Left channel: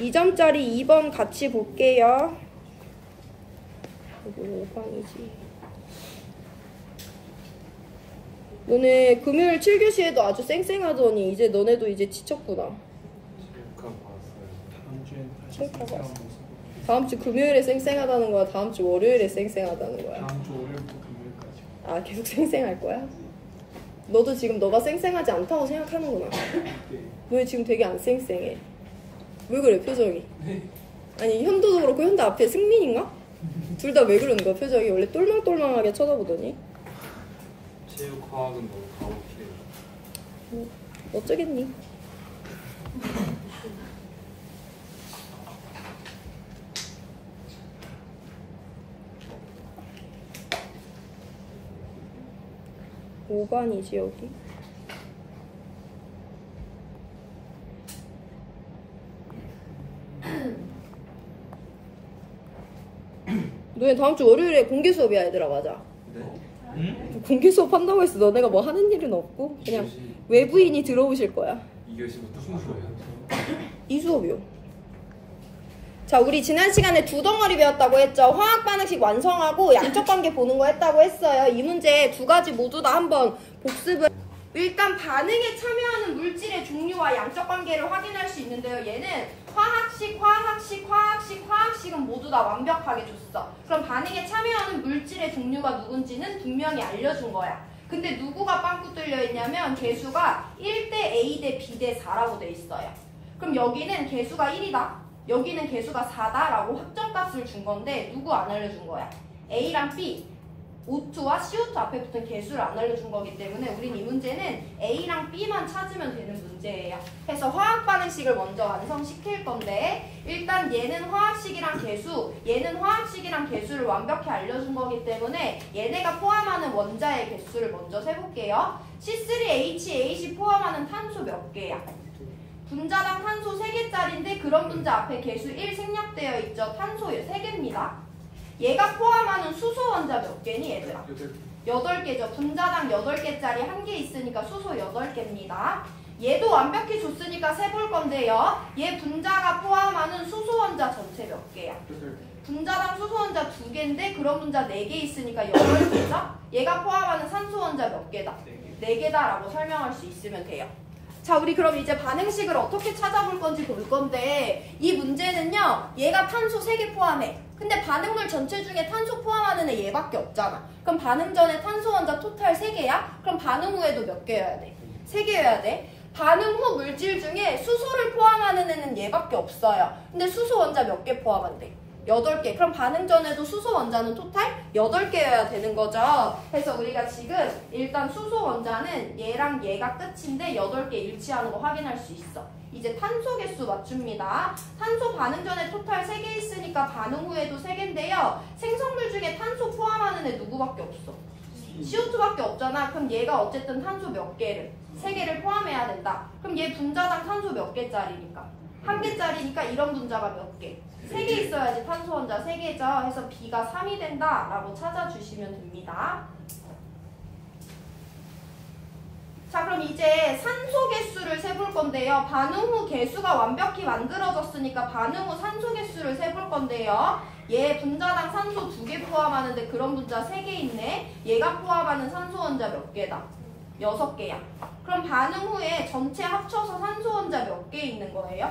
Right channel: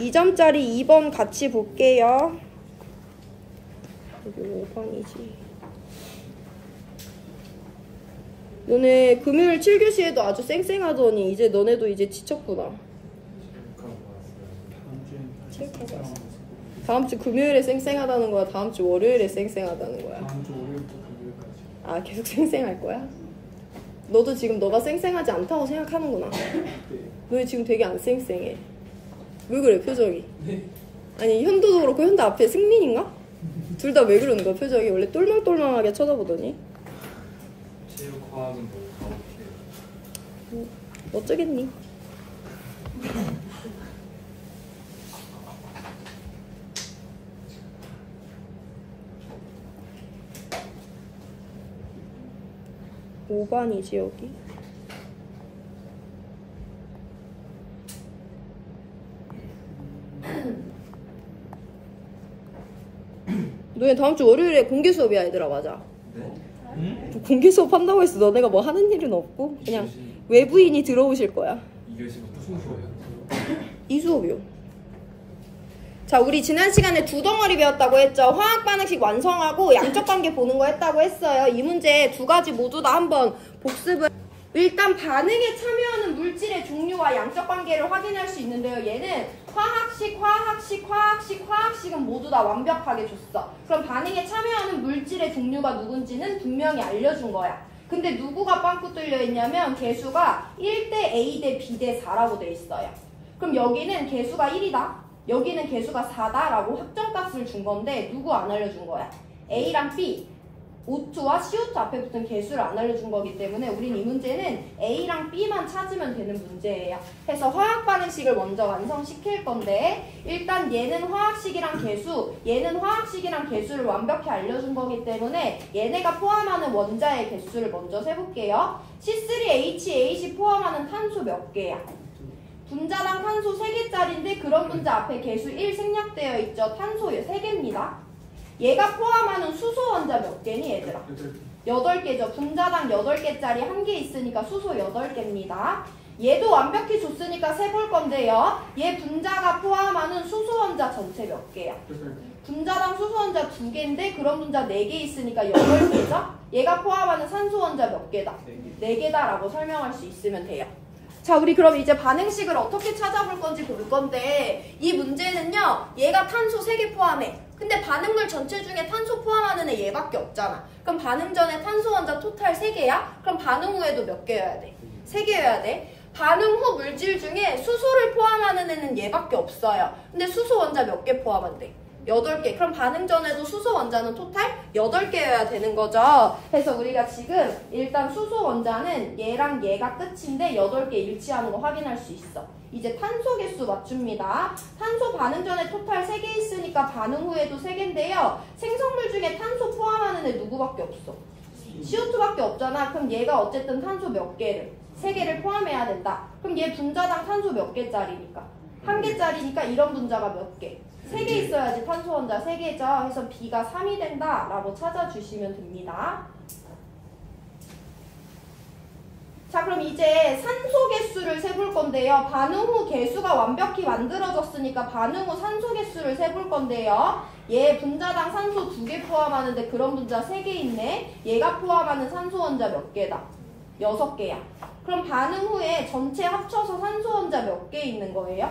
2점짜리 2번 같이 볼게요. 여기 5번이지. 너네 금요일 7교시에도 아주 쌩쌩하더니 이제 너네도 이제 지쳤구나. 다음 주 금요일에 쌩쌩하다는 거야? 다음 주 월요일에 쌩쌩하다는 거야? 다음 주 월요일부터 금요일까지. 아, 계속 쌩쌩할 거야? 너도 지금 너가 쌩쌩하지 않다고 생각하는구나. 너 지금 되게 안 쌩쌩해. 왜 그래, 표정이? 네. 아니, 현도도 그렇고 현도 앞에 승민인가? 둘 다 왜 그러는 거야, 표정이? 원래 똘망똘망하게 쳐다보더니. 체육 과학은 너무 가혹해요. 어쩌겠니? (5번이지) 여기. 너네 다음 주 월요일에 공개 수업이야, 얘들아. 맞아. 네? 공개 수업 한다고 해서 너네가 뭐 하는 일은 없고 그냥 외부인이 들어오실 거야. 2교시부터 무슨 수업이요? 이 수업이요. 자, 우리 지난 시간에 두 덩어리 배웠다고 했죠. 화학 반응식 완성하고 양적 관계 보는 거 했다고 했어요. 이 문제 두 가지 모두 다 한번 복습을. 일단 반응에 참여하는 물질의 종류와 양적 관계를 확인할 수 있는데요. 얘는 화학식은 모두 다 완벽하게 줬어. 그럼 반응에 참여하는 물질의 종류가 누군지는 분명히 알려준 거야. 근데 누구가 빵꾸 뚫려 있냐면 개수가 1대 A 대 B 대 4라고 돼 있어요. 그럼 여기는 개수가 1이다. 여기는 개수가 4다 라고 확정값을 준 건데 누구 안 알려준 거야? A랑 B, O2와 CO2 앞에 붙은 개수를 안 알려준 거기 때문에 우린 이 문제는 A랑 B만 찾으면 되는 문제예요. 그래서 화학 반응식을 먼저 완성시킬 건데 일단 얘는 화학식이랑 개수, 얘는 화학식이랑 개수를 완벽히 알려준 거기 때문에 얘네가 포함하는 원자의 개수를 먼저 세볼게요. C3H8이 포함하는 탄소 몇 개야? 분자당 탄소 3개짜리인데 그런 분자 앞에 개수 1 생략되어 있죠. 탄소 3개입니다. 얘가 포함하는 수소 원자 몇 개니 얘들아? 8개죠. 분자당 8개짜리 1개 있으니까 수소 8개입니다. 얘도 완벽히 줬으니까 세볼 건데요. 얘 분자가 포함하는 수소 원자 전체 몇 개야? 분자당 수소 원자 2개인데 그런 분자 4개 있으니까 8개죠? 얘가 포함하는 산소 원자 몇 개다? 4개다 라고 설명할 수 있으면 돼요. 자, 우리 그럼 이제 반응식을 어떻게 찾아볼 건지 볼 건데 이 문제는요. 얘가 탄소 3개 포함해. 근데 반응물 전체 중에 탄소 포함하는 애 얘밖에 없잖아. 그럼 반응 전에 탄소 원자 토탈 3개야? 그럼 반응 후에도 몇 개여야 돼? 3개여야 돼. 반응 후 물질 중에 수소를 포함하는 애는 얘밖에 없어요. 근데 수소 원자 몇 개 포함한대? 8개. 그럼 반응 전에도 수소 원자는 토탈 8개여야 되는 거죠. 그래서 우리가 지금 일단 수소 원자는 얘랑 얘가 끝인데 8개 일치하는 거 확인할 수 있어. 이제 탄소 개수 맞춥니다. 탄소 반응 전에 토탈 3개 있으니까 반응 후에도 3개인데요. 생성물 중에 탄소 포함하는 애 누구밖에 없어? CO2밖에 없잖아. 그럼 얘가 어쨌든 탄소 몇 개를? 3개를 포함해야 된다. 그럼 얘 분자당 탄소 몇 개짜리니까? 1개짜리니까 이런 분자가 몇 개? 3개 있어야지 탄소 원자 3개죠. 해서 B가 3이 된다 라고 찾아주시면 됩니다. 자, 그럼 이제 산소 개수를 세볼 건데요. 반응 후 개수가 완벽히 만들어졌으니까 반응 후 산소 개수를 세볼 건데요. 얘 분자당 산소 2개 포함하는데 그런 분자 3개 있네. 얘가 포함하는 산소 원자 몇 개다? 6개야. 그럼 반응 후에 전체 합쳐서 산소 원자 몇 개 있는 거예요?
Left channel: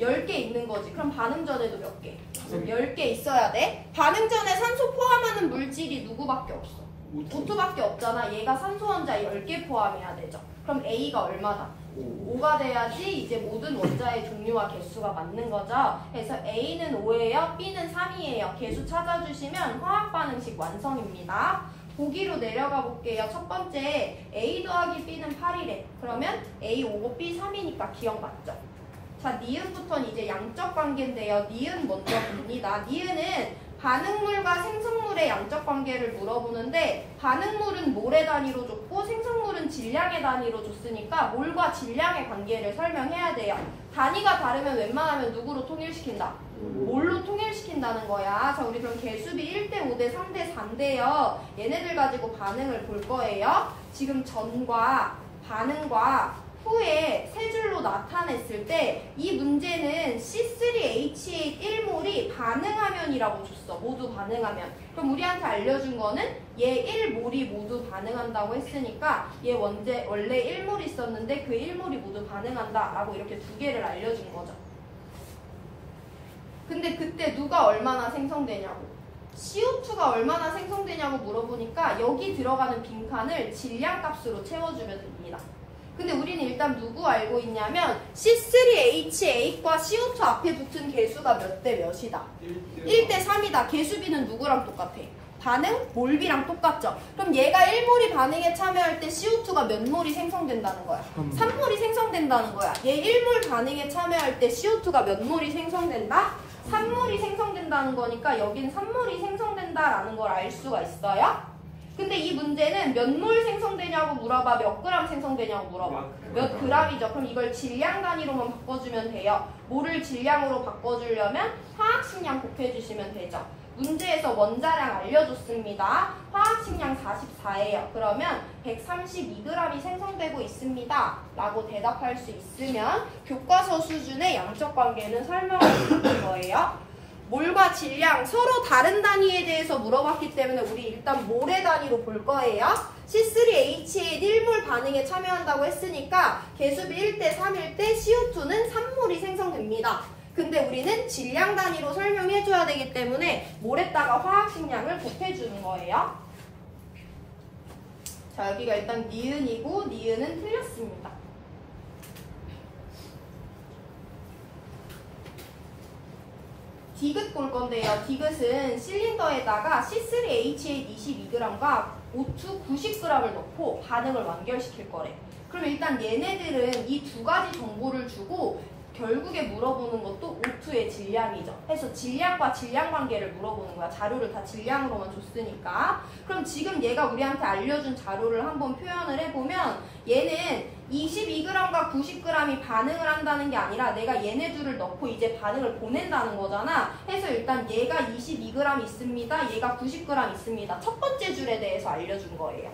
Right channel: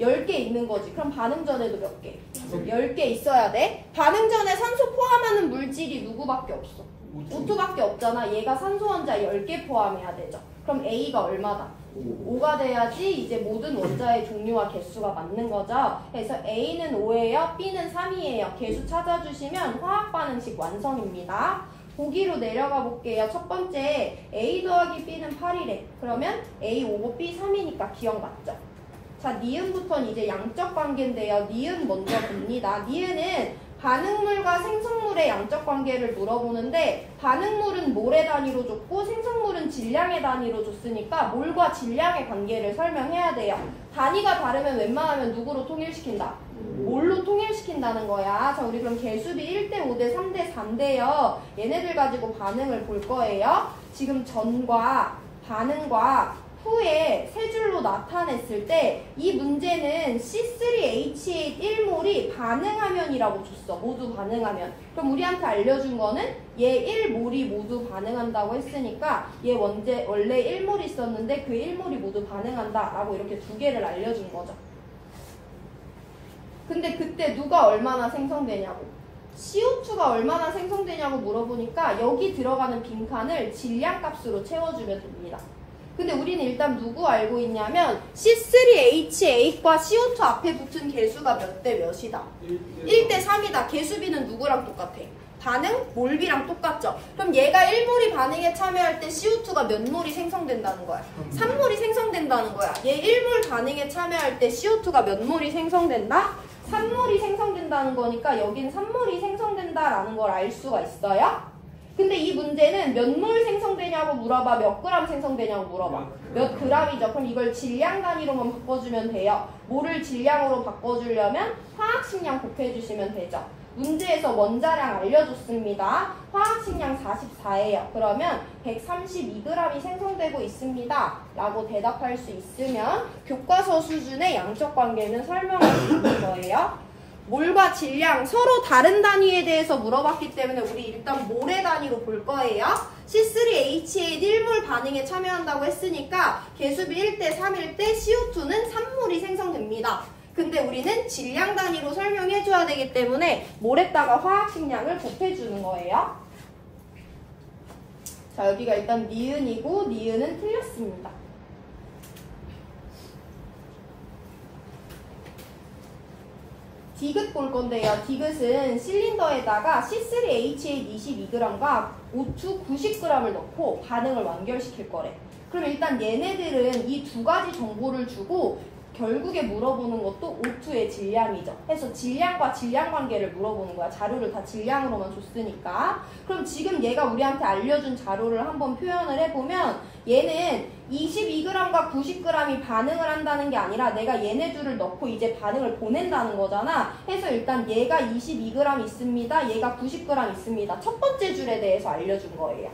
10개 있는 거지. 그럼 반응 전에도 몇 개? 10개 있어야 돼. 반응 전에 산소 포함하는 물질이 누구밖에 없어? O2밖에 없잖아. 얘가 산소 원자 10개 포함해야 되죠. 그럼 A가 얼마다? 5가 돼야지 이제 모든 원자의 종류와 개수가 맞는 거죠. 그래서 A는 5예요. B는 3이에요. 개수 찾아주시면 화학 반응식 완성입니다. 보기로 내려가 볼게요. 첫 번째 A 더하기 B는 8이래. 그러면 A 5, B 3이니까 기억났죠? 자, 니은부터는 이제 양적 관계인데요. 니은 먼저 봅니다. 니은은 반응물과 생성물의 양적 관계를 물어보는데 반응물은 몰의 단위로 줬고 생성물은 질량의 단위로 줬으니까 몰과 질량의 관계를 설명해야 돼요. 단위가 다르면 웬만하면 누구로 통일시킨다? 몰로 통일시킨다는 거야. 자, 우리 그럼 개수비 1대 5대 3대 4인데요. 얘네들 가지고 반응을 볼 거예요. 지금 전과 반응과 후에 세 줄로 나타냈을 때 이 문제는 C3H8 1몰이 반응하면이라고 줬어. 모두 반응하면. 그럼 우리한테 알려준 거는 얘 1몰이 모두 반응한다고 했으니까 얘 원래 1몰 있었는데 그 1몰이 모두 반응한다 라고 이렇게 두 개를 알려준 거죠. 근데 그때 누가 얼마나 생성되냐고, CO2가 얼마나 생성되냐고 물어보니까 여기 들어가는 빈칸을 질량값으로 채워주면 됩니다. 근데 우리는 일단 누구 알고 있냐면 C3H8과 CO2 앞에 붙은 개수가 몇 대 몇이다? 1대 3이다. 개수비는 누구랑 똑같아? 반응 몰비랑 똑같죠? 그럼 얘가 1몰이 반응에 참여할 때 CO2가 몇 몰이 생성된다는 거야? 3몰이 생성된다는 거야. 얘 1몰 반응에 참여할 때 CO2가 몇 몰이 생성된다? 3몰이 생성된다는 거니까 여긴 3몰이 생성된다라는 걸 알 수가 있어요. 근데 이 문제는 몇 몰 생성되냐고 물어봐, 몇 그램 생성되냐고 물어봐. 몇 그램이죠. 그럼 이걸 질량 단위로만 바꿔주면 돼요. 몰을 질량으로 바꿔주려면 화학식량 곱해주시면 되죠. 문제에서 원자량 알려줬습니다. 화학식량 44예요. 그러면 132g이 생성되고 있습니다. 라고 대답할 수 있으면 교과서 수준의 양적 관계는 설명할 수 있는 거예요. 몰과 질량 서로 다른 단위에 대해서 물어봤기 때문에 우리 일단 몰의 단위로 볼 거예요. C3H8 1몰 반응에 참여한다고 했으니까 개수비 1대 3일 때 CO2는 3몰이 생성됩니다. 근데 우리는 질량 단위로 설명해줘야 되기 때문에 몰에다가 화학식량을 곱해주는 거예요. 자, 여기가 일단 니은이고 니은은 틀렸습니다. 디귿 볼 건데요. 디귿은 실린더에다가 C3H8 22g과 O2 90g을 넣고 반응을 완결시킬 거래. 그럼 일단 얘네들은 이 두 가지 정보를 주고 결국에 물어보는 것도 O2의 질량이죠. 그래서 질량과 질량 관계를 물어보는 거야. 자료를 다 질량으로만 줬으니까. 그럼 지금 얘가 우리한테 알려준 자료를 한번 표현을 해보면 얘는 22g과 90g이 반응을 한다는 게 아니라 내가 얘네 둘을 넣고 이제 반응을 보낸다는 거잖아. 그래서 일단 얘가 22g 있습니다. 얘가 90g 있습니다. 첫 번째 줄에 대해서 알려준 거예요.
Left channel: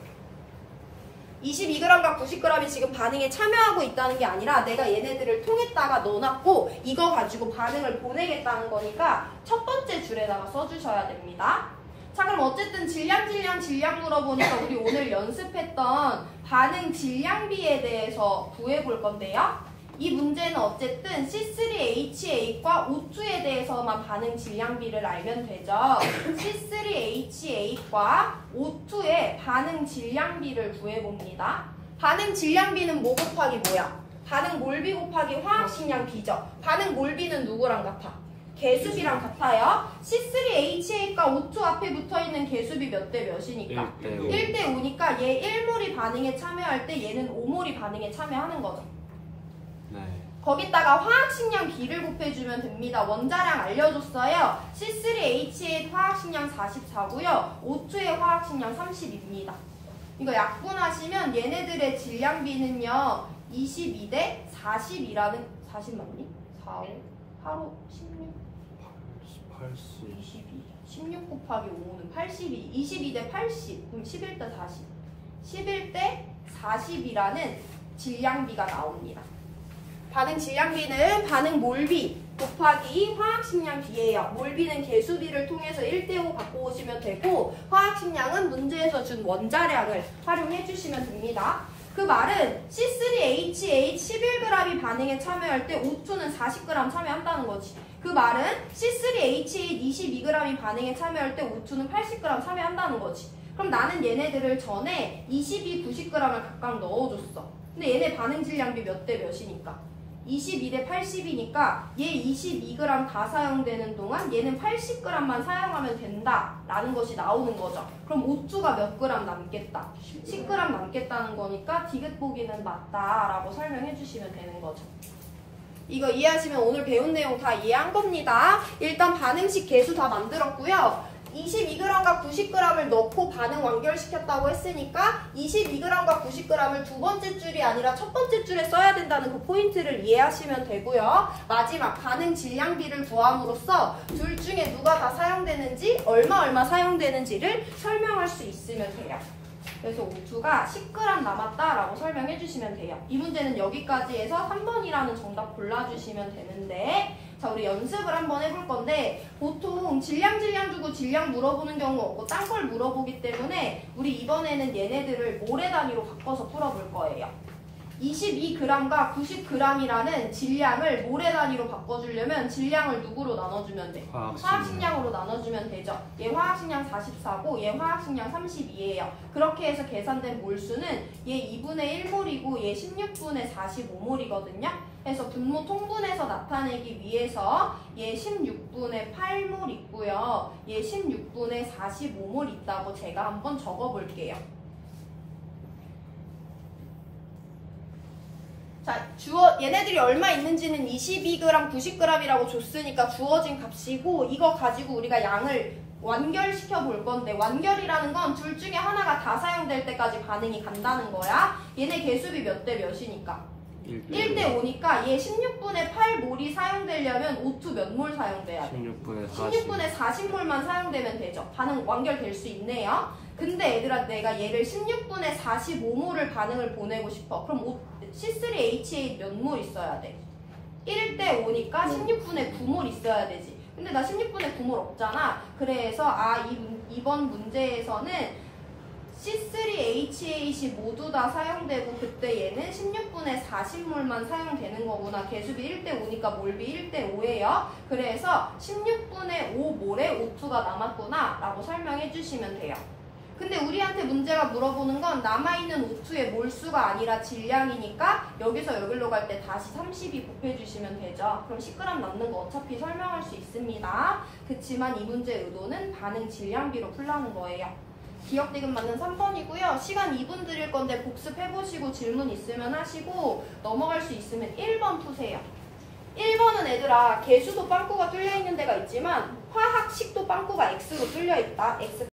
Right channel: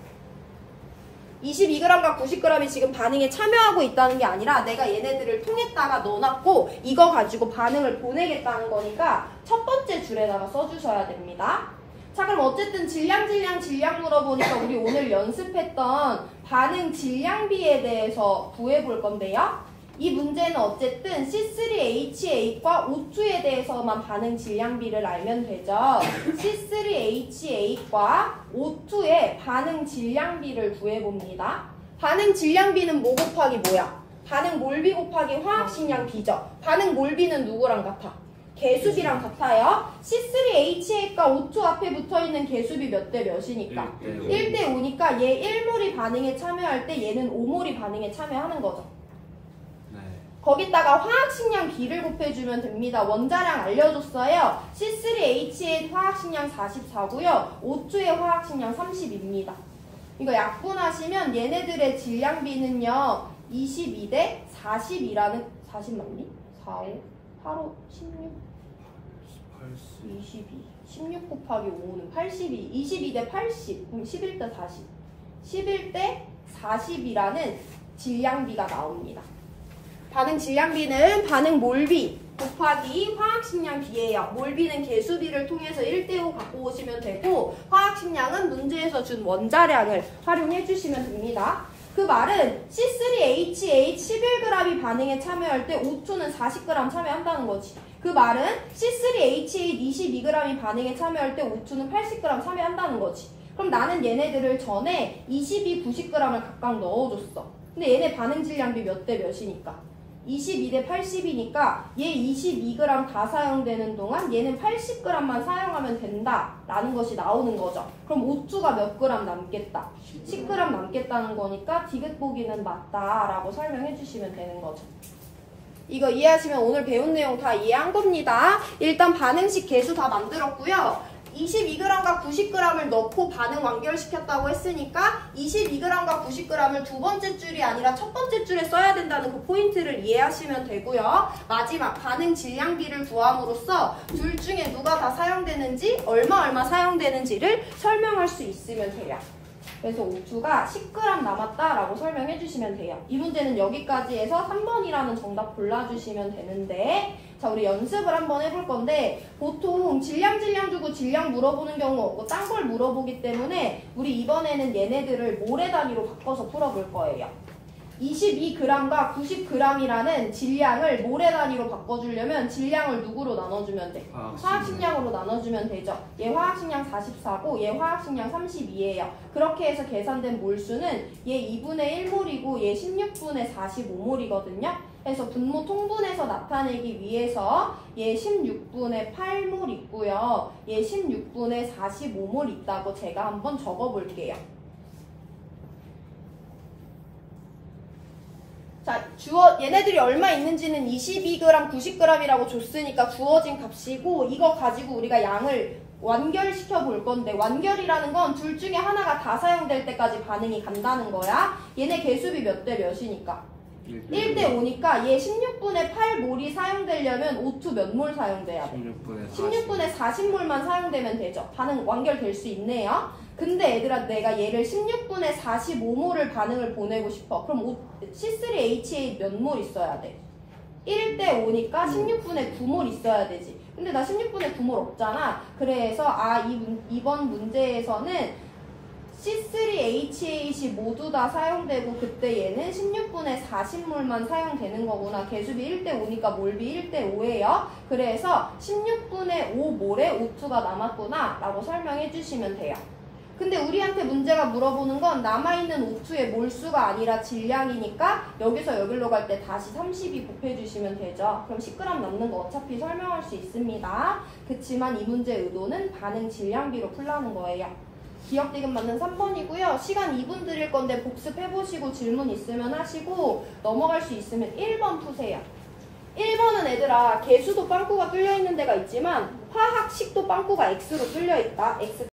22g과 90g이 지금 반응에 참여하고 있다는 게 아니라 내가 얘네들을 통에다가 넣어놨고 이거 가지고 반응을 보내겠다는 거니까 첫 번째 줄에다가 써주셔야 됩니다. 자, 그럼 어쨌든 질량 물어보니까 우리 오늘 연습했던 반응 질량비에 대해서 구해볼 건데요. 이 문제는 어쨌든 C3H8과 O2에 대해서만 반응 질량비를 알면 되죠. C3H8과 O2의 반응 질량비를 구해봅니다. 반응 질량비는 뭐 곱하기 뭐야? 반응 몰비 곱하기 화학식량 B죠. 반응 몰비는 누구랑 같아? 개수비랑 같아요. C3H8과 O2 앞에 붙어있는 개수비 몇 대 몇이니까? 1대 5니까 얘 1몰이 반응에 참여할 때 얘는 5몰이 반응에 참여하는 거죠. 거기다가 화학식량 B를 곱해주면 됩니다. 원자량 알려줬어요. C3H8 화학식량 44고요. O2의 화학식량 30입니다. 이거 약분하시면 얘네들의 질량비는요. 22대 40이라는 40 맞니? 4, 5, 8, 5, 16 22 16 곱하기 5는 82 22대 80 그럼 11대 40 11대 40이라는 질량비가 나옵니다. 반응 질량비는 반응 몰비 곱하기 화학식량 B예요. 몰비는 개수비를 통해서 1대5 갖고 오시면 되고 화학식량은 문제에서 준 원자량을 활용해 주시면 됩니다. 그 말은 C3H8 11g이 반응에 참여할 때 O2는 40g 참여한다는 거지. 그 말은 C3H8 22g이 반응에 참여할 때 O2는 80g 참여한다는 거지. 그럼 나는 얘네들을 전에 22, 90g을 각각 넣어줬어. 근데 얘네 반응 질량비 몇 대 몇이니까? 22대 80이니까 얘 22g 다 사용되는 동안 얘는 80g만 사용하면 된다라는 것이 나오는 거죠. 그럼 O2가 몇 그램 남겠다? 10g 남겠다는 거니까 디귿 보기는 맞다라고 설명해 주시면 되는 거죠. 이거 이해하시면 오늘 배운 내용 다 이해한 겁니다. 일단 반응식 개수 다 만들었고요. 22g과 90g을 넣고 반응 완결시켰다고 했으니까 22g과 90g을 두 번째 줄이 아니라 첫 번째 줄에 써야 된다는 그 포인트를 이해하시면 되고요. 마지막 반응 질량비를 구함으로써 둘 중에 누가 다 사용되는지 얼마 사용되는지를 설명할 수 있으면 돼요. 그래서 O2가 10g 남았다라고 설명해 주시면 돼요. 이 문제는 여기까지 해서 3번이라는 정답 골라주시면 되는데, 자, 우리 연습을 한번 해볼 건데, 보통 질량 주고 질량 물어보는 경우 없고 딴 걸 물어보기 때문에 우리 이번에는 얘네들을 모래 단위로 바꿔서 풀어볼 거예요. 22g과 90g이라는 질량을 모래 단위로 바꿔주려면 질량을 누구로 나눠주면 돼? 화학식량으로 나눠주면 되죠. 얘 화학식량 44고 얘 화학식량 32예요. 그렇게 해서 계산된 몰수는 얘 2분의 1몰이고 얘 16분의 45몰이거든요. 그래서 분모 통분해서 나타내기 위해서 얘 16분의 8몰 있고요. 얘 16분의 45몰 있다고 제가 한번 적어볼게요. 자, 얘네들이 얼마 있는지는 22g, 90g이라고 줬으니까 주어진 값이고, 이거 가지고 우리가 양을 완결시켜 볼 건데, 완결이라는 건 둘 중에 하나가 다 사용될 때까지 반응이 간다는 거야. 얘네 개수비 몇 대 몇이니까? 1대 5니까 얘 16분의 8몰이 사용되려면 O2 몇 몰 사용돼야 돼? 16분의 40몰만 사용되면 되죠. 반응 완결될 수 있네요. 근데 얘들아, 내가 얘를 16분의 45몰을 반응을 보내고 싶어. 그럼 C3H8 몇 몰 있어야 돼? 1대 5니까 16분의 9몰 있어야 되지. 근데 나 16분의 9몰 없잖아. 그래서 이번 문제에서는 C3H8이 모두 다 사용되고, 그때 얘는 16분의 40몰만 사용되는 거구나. 개수비 1대 5니까 몰비 1대 5예요. 그래서 16분의 5몰에 O2가 남았구나 라고 설명해 주시면 돼요. 근데 우리한테 문제가 물어보는 건 남아있는 O2의 몰수가 아니라 질량이니까 여기서 여기로 갈 때 다시 32 곱해주시면 되죠. 그럼 10g 남는 거 어차피 설명할 수 있습니다. 그치만 이 문제의 의도는 반응 질량비로 풀라는 거예요. 기억 디귿 맞는 3번이고요. 시간 2분 드릴 건데 복습해보시고 질문 있으면 하시고, 넘어갈 수 있으면 1번 푸세요. 1번은 얘들아, 개수도 빵꾸가 뚫려있는 데가 있지만 화학식도 빵꾸가 X로 뚫려있다. X